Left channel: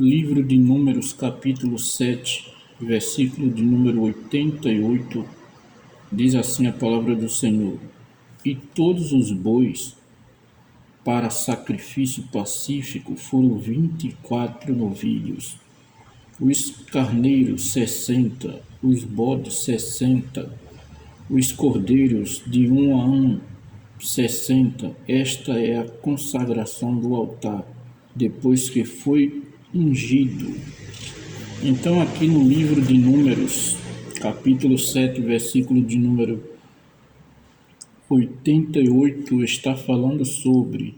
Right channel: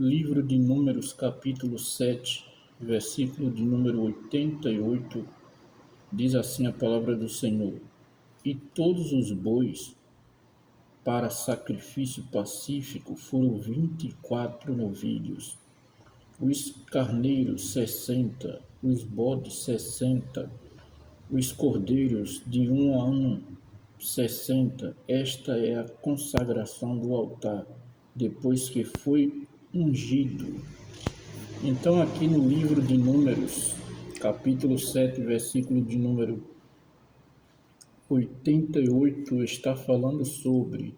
Livro de Números, capítulo 7, versículo de número 88, diz assim a palavra do Senhor: E todos os bois para sacrifício pacífico foram 24 novilhos, os carneiros 60, os bodes 60, os cordeiros de 60. Esta é a consagração do altar, depois que foi ungido. Então, aqui no livro de Números, capítulo 7, versículo de número 88, está falando sobre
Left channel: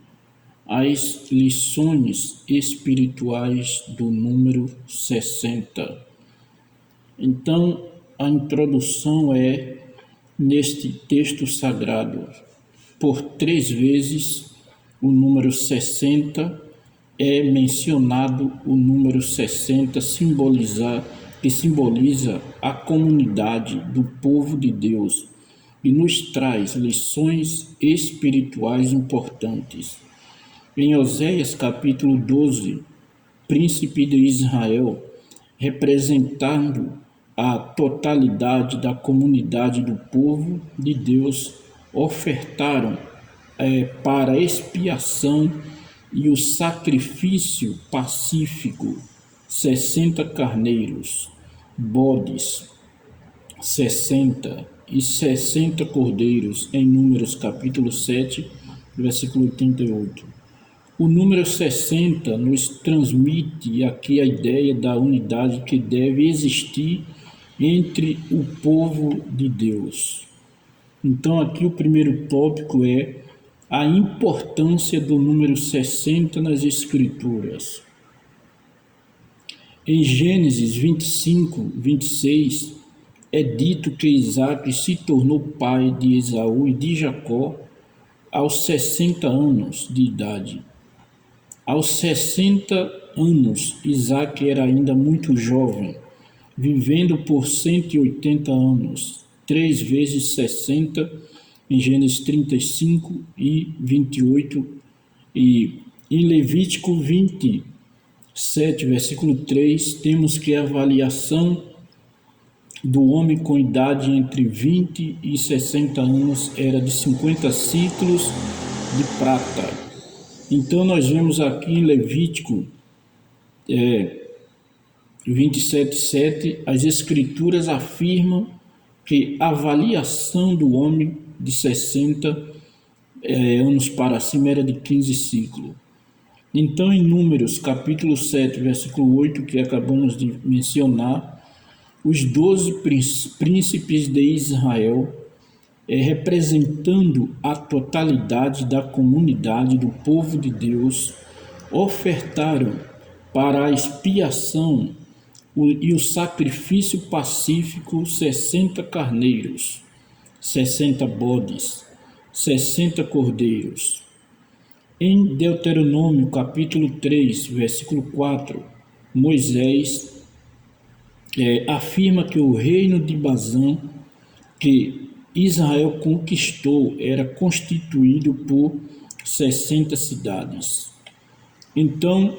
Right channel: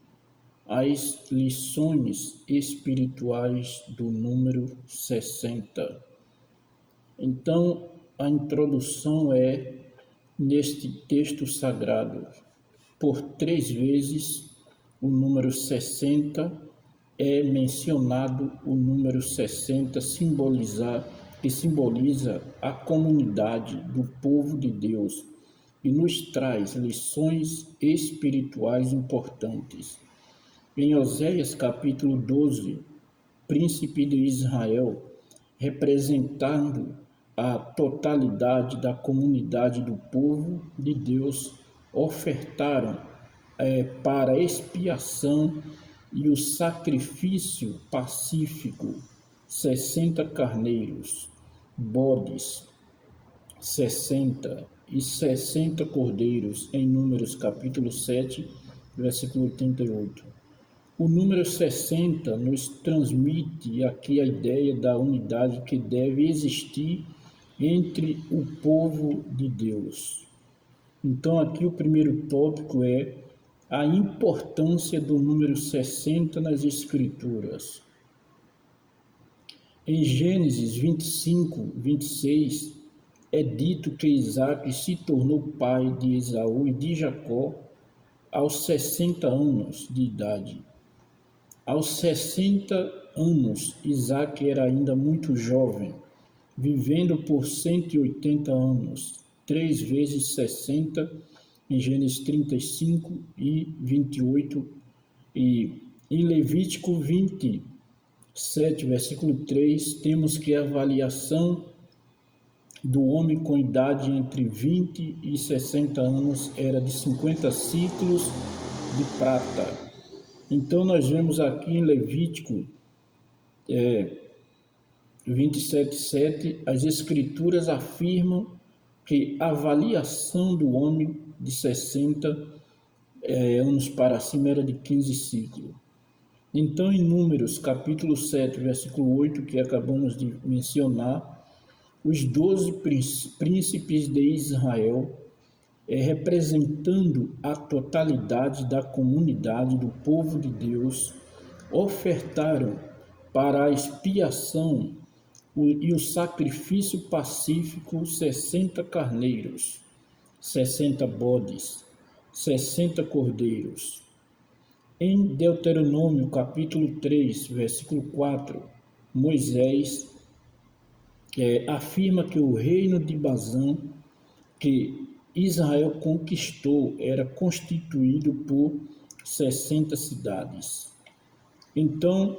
as lições espirituais do número 60. Então, a introdução é neste texto sagrado. Por 3 vezes o número 60 é mencionado, o número 60 que simboliza a comunidade do povo de Deus e nos traz lições espirituais importantes. Em Oséias capítulo 12, príncipe de Israel, representando a totalidade da comunidade do povo de Deus, ofertaram para expiação e o sacrifício pacífico 60 carneiros, bodes 60 e 60 cordeiros, em Números capítulo 7, versículo 88. O número 60 nos transmite aqui a ideia da unidade que deve existir entre o povo de Deus. Então, aqui o primeiro tópico é a importância do número 60 nas Escrituras. Em Gênesis 25, 26, é dito que Isaac se tornou pai de Esaú e de Jacó aos 60 anos de idade. Aos 60 anos, Isaac era ainda muito jovem, vivendo por 180 anos, 3 vezes 60, em Gênesis 35 e 28, e em Levítico 27, versículo 3, temos que a avaliação do homem com idade entre 20 e 60 anos era de 50 ciclos de prata. Então, nós vemos aqui em Levítico 27:7, as Escrituras afirmam que a avaliação do homem de 60 anos para cima era de 15 ciclos. Então, em Números, capítulo 7, versículo 8, que acabamos de mencionar, os 12 príncipes de Israel, representando a totalidade da comunidade do povo de Deus, ofertaram para a expiação e o sacrifício pacífico 60 carneiros, 60 bodes, 60 cordeiros. Em Deuteronômio capítulo 3, versículo 4, Moisés afirma que o reino de Bazã, que Israel conquistou, era constituído por 60 cidades. Então,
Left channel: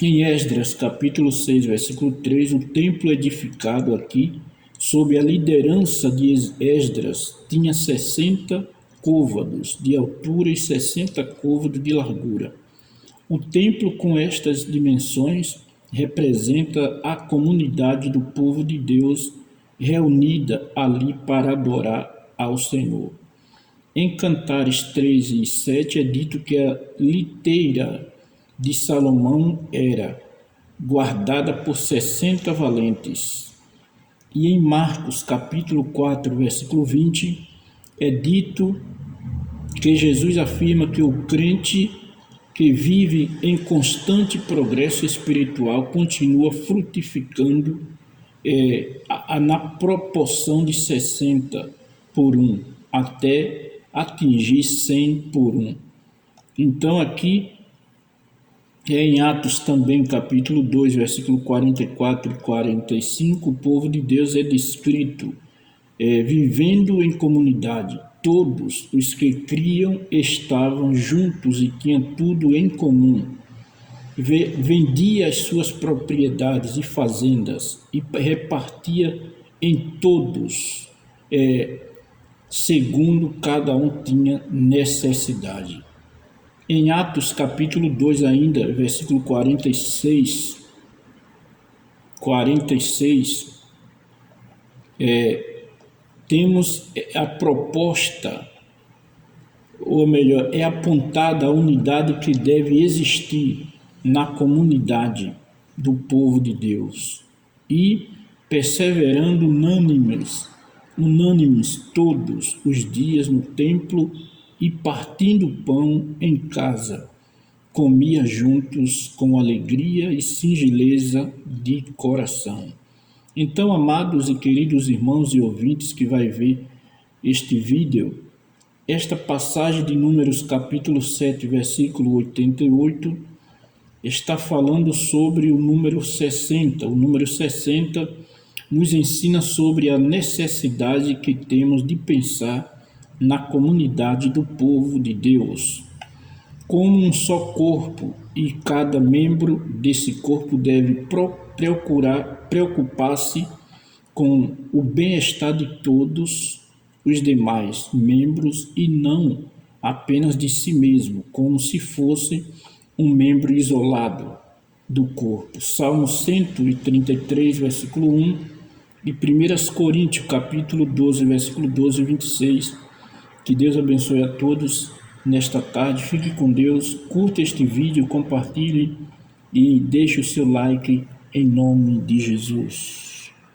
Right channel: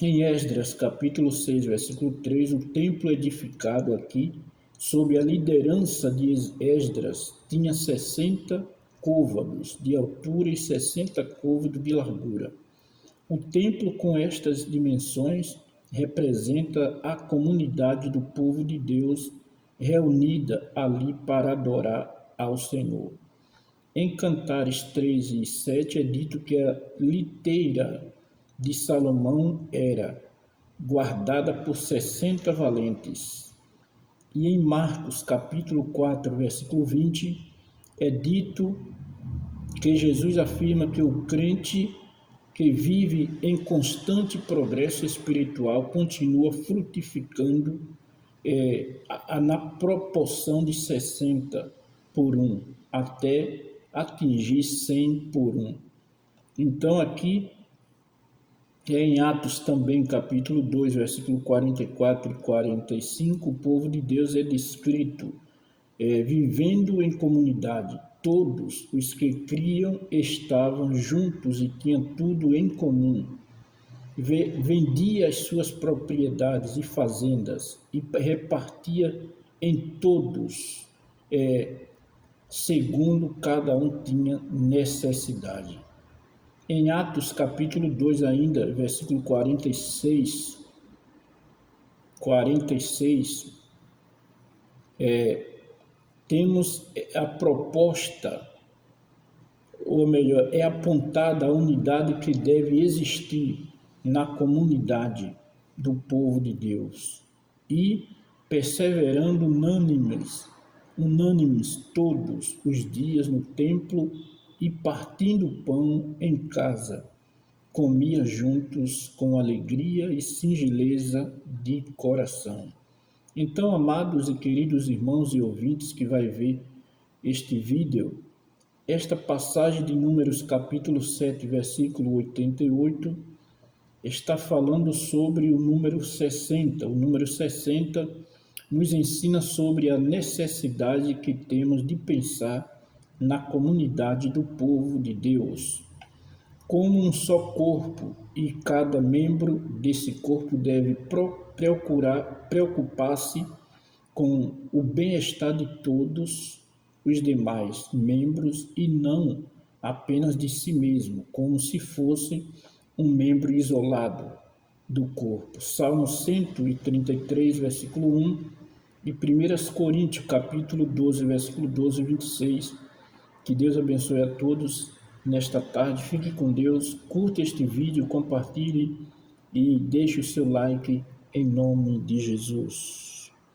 em Esdras, capítulo 6, versículo 3, o templo edificado aqui, sob a liderança de Esdras, tinha 60 côvados de altura e 60 côvados de largura. O templo com estas dimensões representa a comunidade do povo de Deus reunida ali para adorar ao Senhor. Em Cantares 13 e 7 é dito que a liteira de Salomão era guardada por 60 valentes. E em Marcos capítulo 4, versículo 20, é dito que Jesus afirma que o crente que vive em constante progresso espiritual continua frutificando na proporção de 60 por 1, até atingir 100 por 1. Então, aqui, em Atos também, capítulo 2, versículo 44 e 45, o povo de Deus é descrito vivendo em comunidade. Todos os que criam estavam juntos e tinham tudo em comum. vendia as suas propriedades e fazendas e repartia em todos, segundo cada um tinha necessidade. Em Atos capítulo 2 ainda, versículo 46, temos a proposta, ou melhor, é apontada a unidade que deve existir na comunidade do povo de Deus. E perseverando unânimes todos os dias no templo e partindo pão em casa, comia juntos com alegria e singeleza de coração. Então, amados e queridos irmãos e ouvintes que vai ver este vídeo, esta passagem de Números capítulo 7, versículo 88, está falando sobre o número 60. O número 60 nos ensina sobre a necessidade que temos de pensar na comunidade do povo de Deus como um só corpo, e cada membro desse corpo deve preocupar-se com o bem-estar de todos os demais membros e não apenas de si mesmo, como se fosse um membro isolado do corpo. Salmo 133, versículo 1 e 1 Coríntios, capítulo 12, versículo 12 e 26. Que Deus abençoe a todos nesta tarde. Fique com Deus, curta este vídeo, compartilhe e deixe o seu like em nome de Jesus.